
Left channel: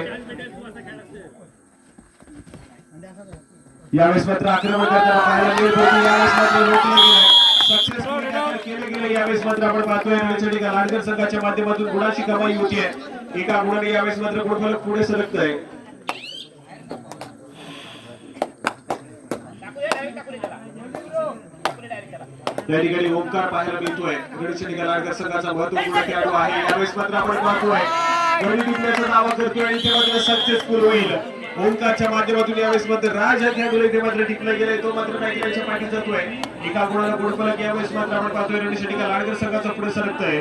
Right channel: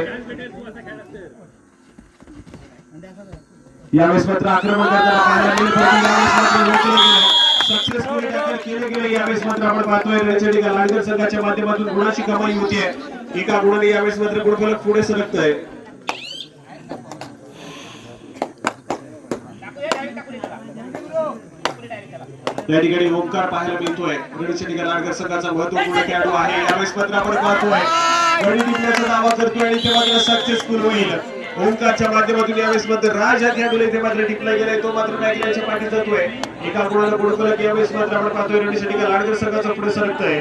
यावेळेस मात्र आक्रमण करताना पाहायला मिळत होतं. यावेळेस मात्र रोखलं गेलंय. सक्सेसफुली टॅकल केलं गेलं. यावेळेस मात्र आपण पाहतोय रणचंडीगड लाडकर संघाच्या माध्यमातून गुणाची कमाई होतीये. एका गुणाने यावेळेस मात्र गुणफलक पुढे सरकतंय. या ठिकाणी ओंकार पाहायला मिळतोय. रणचंडीगड लाडकर संघाचा महत्वपूर्ण खेळाडू आहे. यावेळेस मात्र आपण पाहतोय गडी टिपण्याचा दावा करतोय आणि ते मात्र सक्सेसफुल होईल. ओंकारच्या माध्यमातून यावेळेस मात्र राज या खेळाडूला इथे मात्र टिपला गेलाय, तो मात्र बॅकलाईनच्या पाठी जातोय. एका गुणाला गुणफलक यावेळेस मात्र आपण पाहतोय रणचंडीगड लाडकर संघाचा पुढे सरकतोय.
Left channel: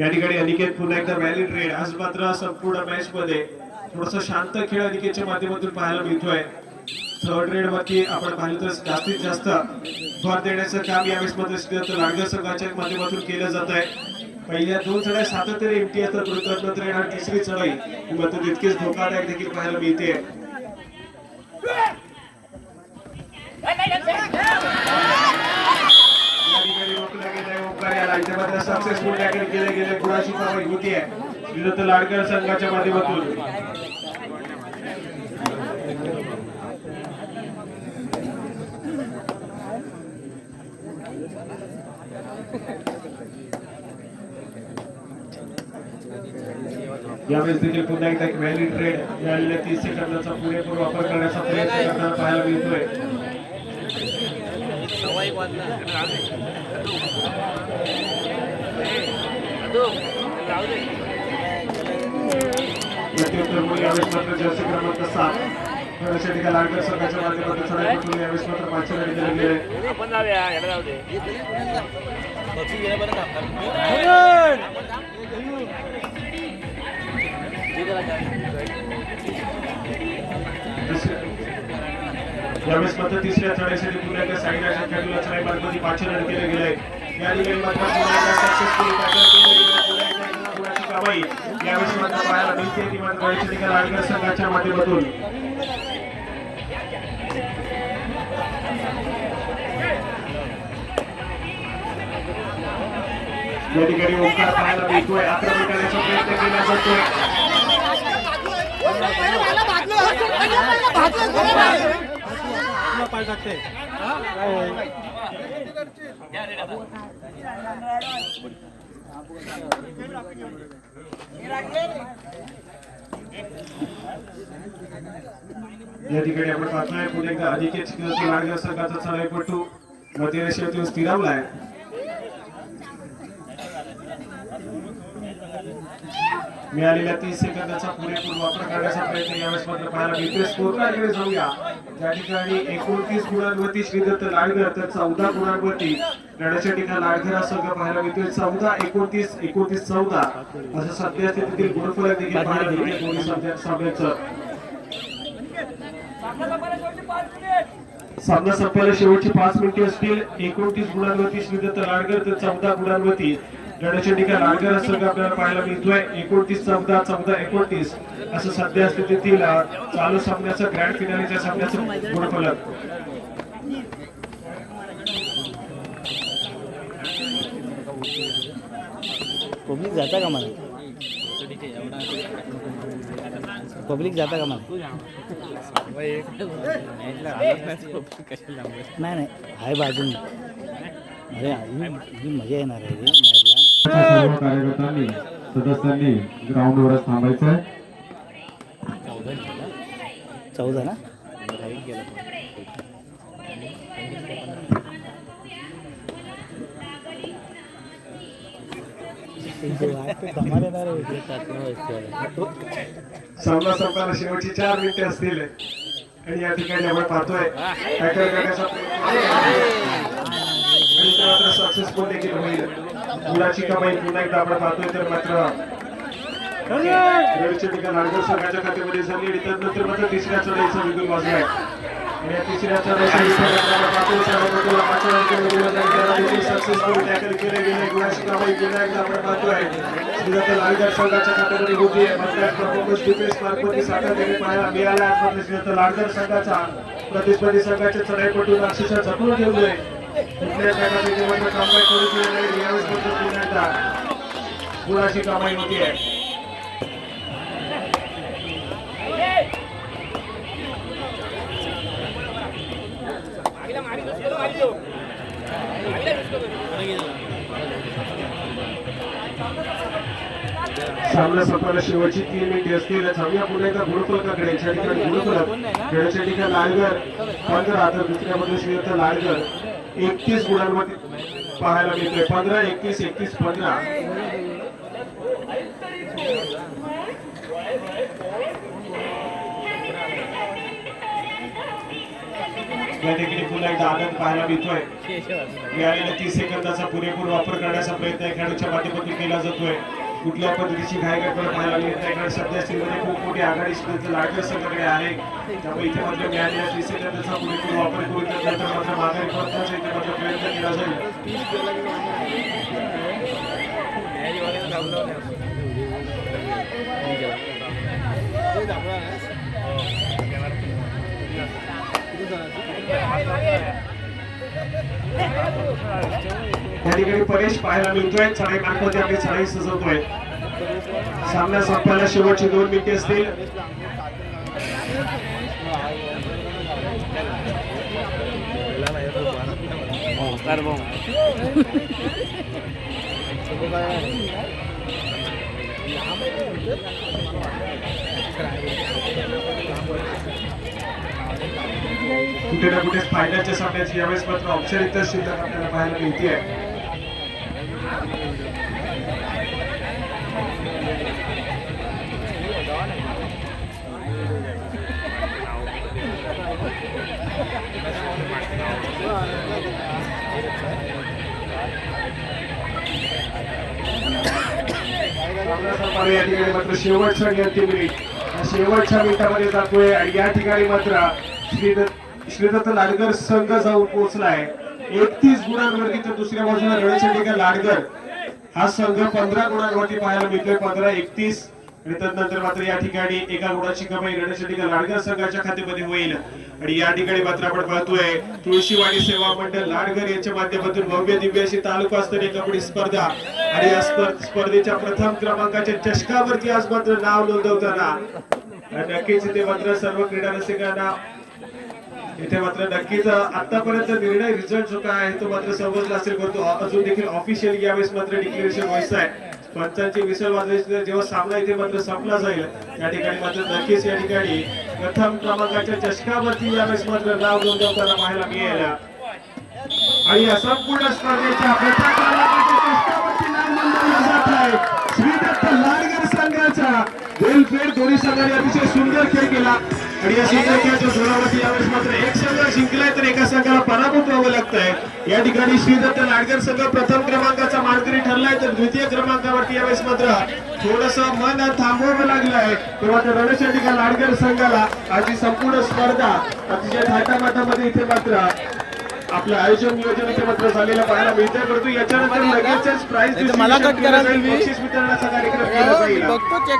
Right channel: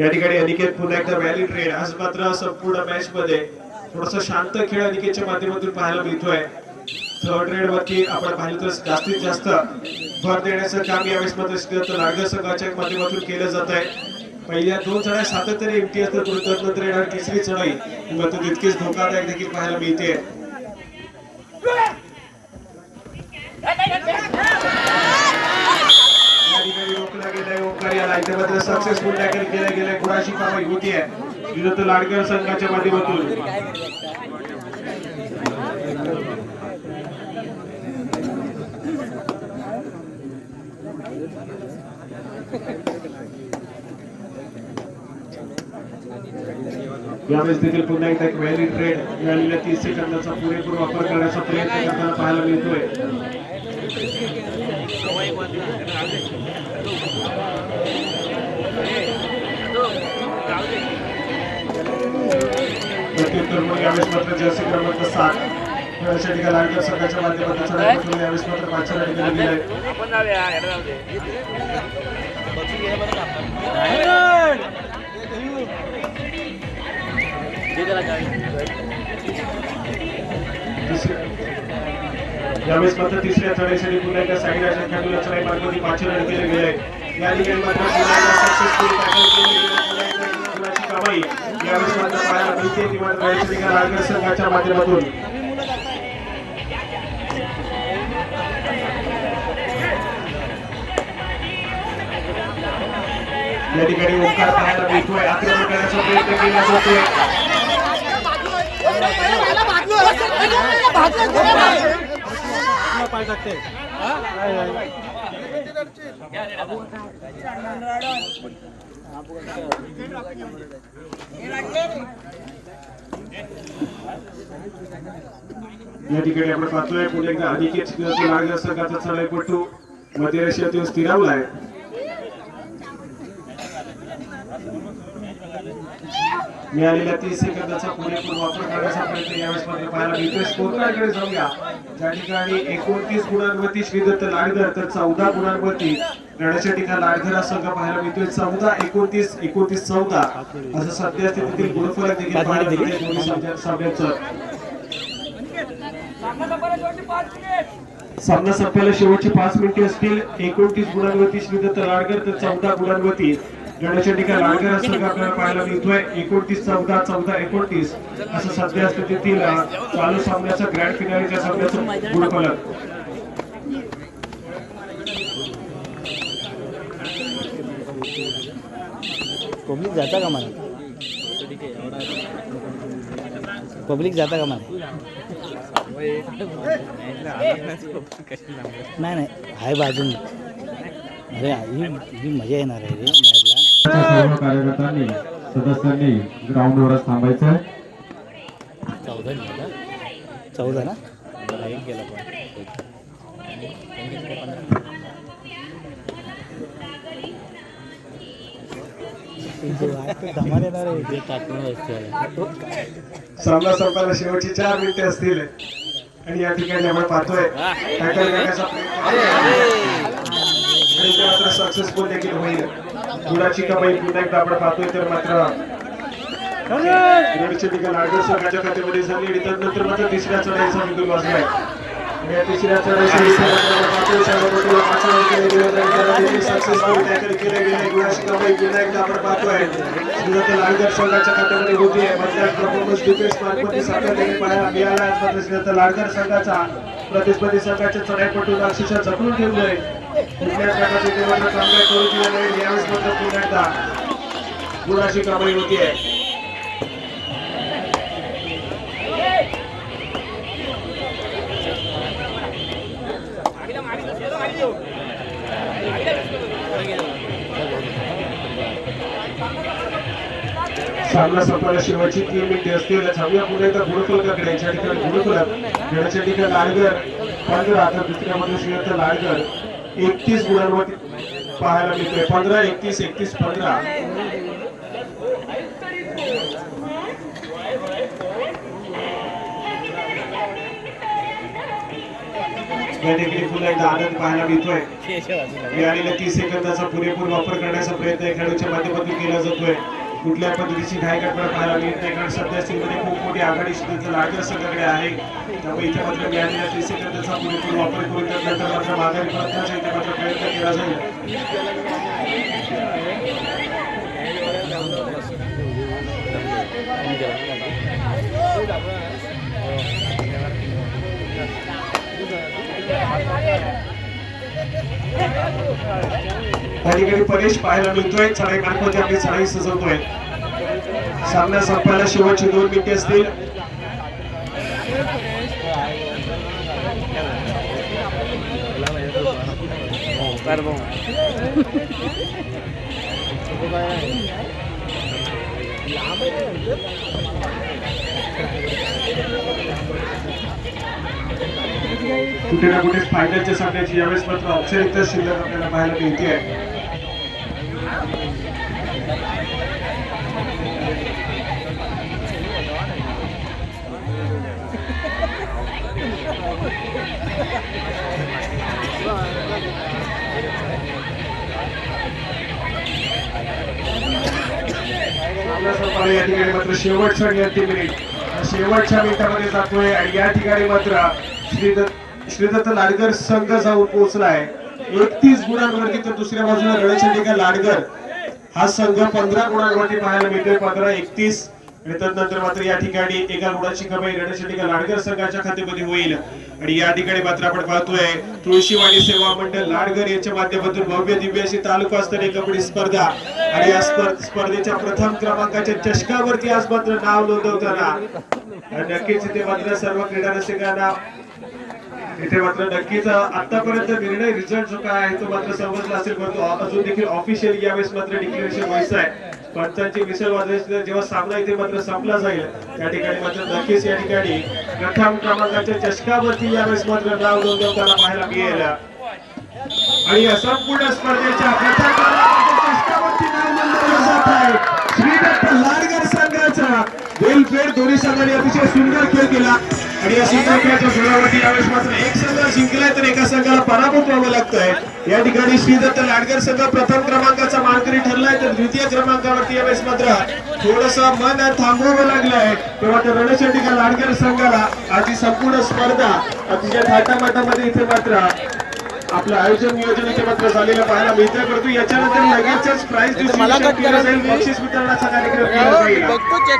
या ठिकाणी अनिकेत पुन्हा एकदा व्हॅलिड रेड. आज मात्र संपूर्ण मॅच मध्ये थोडासा शांत खेळ अनिकेतच्या माध्यमातून पाहायला मिळतोय. थर्ड रेड वरती आपण पाहिलं तर जास्तीत जास्त भर देण्याचं काम यावेळेस मात्र श्रीदत्त लाडकर संघाच्या माध्यमातून केलं जात आहे. पहिल्या 2 चढाई सातत्याने एमटी असतात, त्यानंतर तिसरी चढाई मात्र तितकीच धोकादायक देखील पाहायला मिळते. रोखला गेलाय ओंकार याला इथे मात्र सक्सेसफुल टॅकल केलं गेलं. गुणाची कमाई होतीये श्रीदत्त लाडकर संघाच्या माध्यमातून. यावेळेस देखील पुन्हा एकदा एक व्हॅलिड ट्रेड मिळालेल्या 30 सेकंदाचा पुरेपूर वापर करण्याचा प्रयत्न करताना पाहायला मिळतोय. प्रत्युत्तर मग यावेळेस मात्र जर्सी क्रमांक 7 खेळाच्या ठिकाणी लाडकर संघाच्या माध्यमातून चढाई यावेळेस मात्र 5 रन केलेली आहे. यावेळेस मात्र तिसऱ्या चढाईसाठी पुन्हा एकदा साईराजा खेळूला चढाई मार्गामध्ये 5 रन केले गेले. या ठिकाणी मात्र पुन्हा एकदा सक्सेसफुल टॅकल केले गेले. गुणाची कमाई यावेळेस मात्र पाहायला मिळते ती मात्र याच्या ठिकाणी लाडकर संघाच्या माध्यमातून. या ठिकाणी ओंकार पाहायला मिळतोय. आक्रमण करण्याचा प्रयत्न केला जातोय. पाय टाकते या ठिकाणी आपण पाहतोय पुन्हा एकदा अधिकच लाडकर संघाचा चढाईपटू मध्य रेषेतून स्थिरावलाय. मिळालेल्या 30 सेकंदाचा पुरेपूर वापर करण्याचा प्रयत्न यावेळेस मात्र पाहायला मिळतोय. स्कोरकार्डकडे जाऊया. ज्या ठिकाणी 29 गुणांवरती श्रीदत्त लाडकर तर 14 गुणांवरती लढ्याच्या ठिकाणी लाडघरा संघ पाहायला मिळतोय. 14-29, 29-14 असं सध्या स्थितीतील गुणफलक देखील पाहायला मिळते दोन्ही सामन्यांचं. सामना संपायला शेवटची 5 मिनिटे असतील. 29 गुणांवरती श्रीदत्त लाडकर तर 14 गुणांवरती लढ्याच्या ठिकाणी लाडकर संघ आपल्याला पाहायला मिळतोय. 29-14, 14-29 असं सध्या स्थितीतील चालू सामन्याचं ग्रँड फिनालेच्या सामन्याचं गुणफलक. पब्लिक जाता का मला नाही हाय बाजून. अरे ही मजा येणार आहे रे मॅचला. सर्व कार्यकर्त्यांनी सदस्यांनी ग्राउंडवरच थांबायचं. 14 ना धमाल येणार आहे. सामना संपायला शेवटची 4 मिनिटे असतील आणि या ठिकाणी आपण पाहतोय टॅकल करण्याचा मात्र सक्सेसफुल देखील होईल. गुणाची कमाई पुन्हा एकदा आपण पाहतोय तर मात्र रेडच्या ठिकाणी लाडकर संघाच्या खात्यामध्ये झाली आणि त्यानंतर मात्र तिसऱ्या चढाईचा विजय वाजलाय. या तिसऱ्या चढाईसाठी सक्सेसफुल टॅकल केले गेले. गुणाची कमाई पुन्हा एकदा आपण पाहतोय श्रीदत्त लाडकर संघाच्या खात्यामध्ये होती. परफॉर्मन्स डिफेन्स मार्कमध्ये सातत्याने पाहायला मिळाला. आज मात्र श्रीदत्त लाडकर संघाचा प्रतिस्पर्धी संघाच्या चढाईपटून अक्षरशः जपून ठेवलंय. कुठल्या प्रकारचे देवांना कामगार करू दिलं नाही. यावेळेस मात्र पुन्हा एकदा गुणाची कमाई होतीये. सामना संपायला शेवटची 3 मिनिटे असतील. थांबूया पुन्हा एकदा गुणफलकाकडे. या ठिकाणी गुणफलक खेळाच्या ठिकाणी लाडकर 15 तर दुसऱ्यामध्ये श्रीदत्त लाडकर 31 गुणांवरती पाहायला मिळतोय. 15-31, 31-15. या ठिकाणी पुन्हा एकदा आनंद पाहायला मिळतोय. मिळालेल्या 30 सेकंदाचा पुरेपूर वापर करण्याचा प्रयत्न खेळाडूच्या माध्यमातून केला जातोय. कुठल्या पद्धतीची घायगडपण पाहायला मिळत नाही कारण सध्या स्थितीमध्ये खूप मोठी आघाडी श्रीदत्त लाडकर संघाकडे आहे. त्यामुळे इथे मात्र मिळालेल्या 30 सेकंदाचा पुरेपूर वापर करून त्यानंतर मात्र माघारी परतण्याचा इथे मात्र प्रयत्न केला जाईल. या ठिकाणी परेश पाहायला मिळतोय. चढाई मार्गामध्ये आपली चढाई सजवतोय. सामना संपायला शेवटची 2 मिनिटे असतील. कुठे ना कुठे फायनलच्या सामन्याची यावेळेस मात्र औपचारिकता शिल्लक आपल्याला पाहायला मिळते. या ठिकाणी मात्र शेवटच्या मिनिटामध्ये जातोय आणि या ठिकाणी मात्र श्रीदत्त लाडकर संघ जाऊन पोहोचलाय 31 गुणांवरती, तर दुसऱ्या बाजूला रणचंडिका लाडकर हा संघ 15 गुणांवरती पाहायला मिळतोय, 15-31. त्यानंतर मात्र या ठिकाणी एका गुणाची कमाई रणचंडिका लाडकर संघाच्या खात्यामध्ये होईल. आणि या ठिकाणी मात्र आपण पाहतोय तुळशीवाडी सेवा मंडळ लाडगर यांच्या माध्यमातून भव्य दिव्य अशी तालुकास्तरीय कबड्डी स्पर्धा आणि या स्पर्धेच्या प्रथम क्रमांकाच्या चषकावरती आज मात्र नाव नोंदवताना नक्कीच इथे मात्र सर्व क्रीडा रसिकांना इथे मात्र नक्कीच आतापर्यंत निर्णय रिझल्ट जो काय आहे तो मात्र समजला असेल, परंतु अजून देखील ऑफिशियली यावेळेस मात्र डिक्लेरेशन व्हायचं आहे. पंचांची विसर वाजवायची जेव्हा सामना इथे मात्र संपला जाईल त्या ठिकाणी मात्र नक्कीच या ठिकाणी प्रथम क्रमांकाच्या चषकावरती यावेळेस मात्र नाव नोंदवताना पाहायला मिळेल. आणि या संपूर्ण स्पर्धेच्या प्रथम क्रमांकाच्या चषकावरती नाव नोंदवलं जात आहे श्रीदत्त लाडगर संघाचा. वेलफेअर दोन्ही संघाने अतिशय सुंदर खेळ केला आणि या सुंदर खेळाच्या जोरावरती यावेळेस मात्र एक संघ जिंकलाय तर एका संघाला पराभूत व्हावं लागतंय. या ठिकाणी श्रीदत्त लाडकर संघ प्रथम क्रमांकाचा मानकरी ठरलाय तर द्वितीय क्रमांकावरती यावेळेस मात्र थोडस मन थांबवावं लागलंय. तेव्हा तर रणचंडिका लाडकर संघाला आज ही संपूर्ण स्पर्धा अतिशय थाटामाटामध्ये इथे मात्र आपलं आयोजन नियोजन इथे मात्र झालेलं पाहायला मिळतं. परंतु याच्यानंतर लगेचच प्राइज डिस्ट्रीब्युशन केलं जाईल, बक्षीस वितरणाचा कार्यक्रम केला जाईल.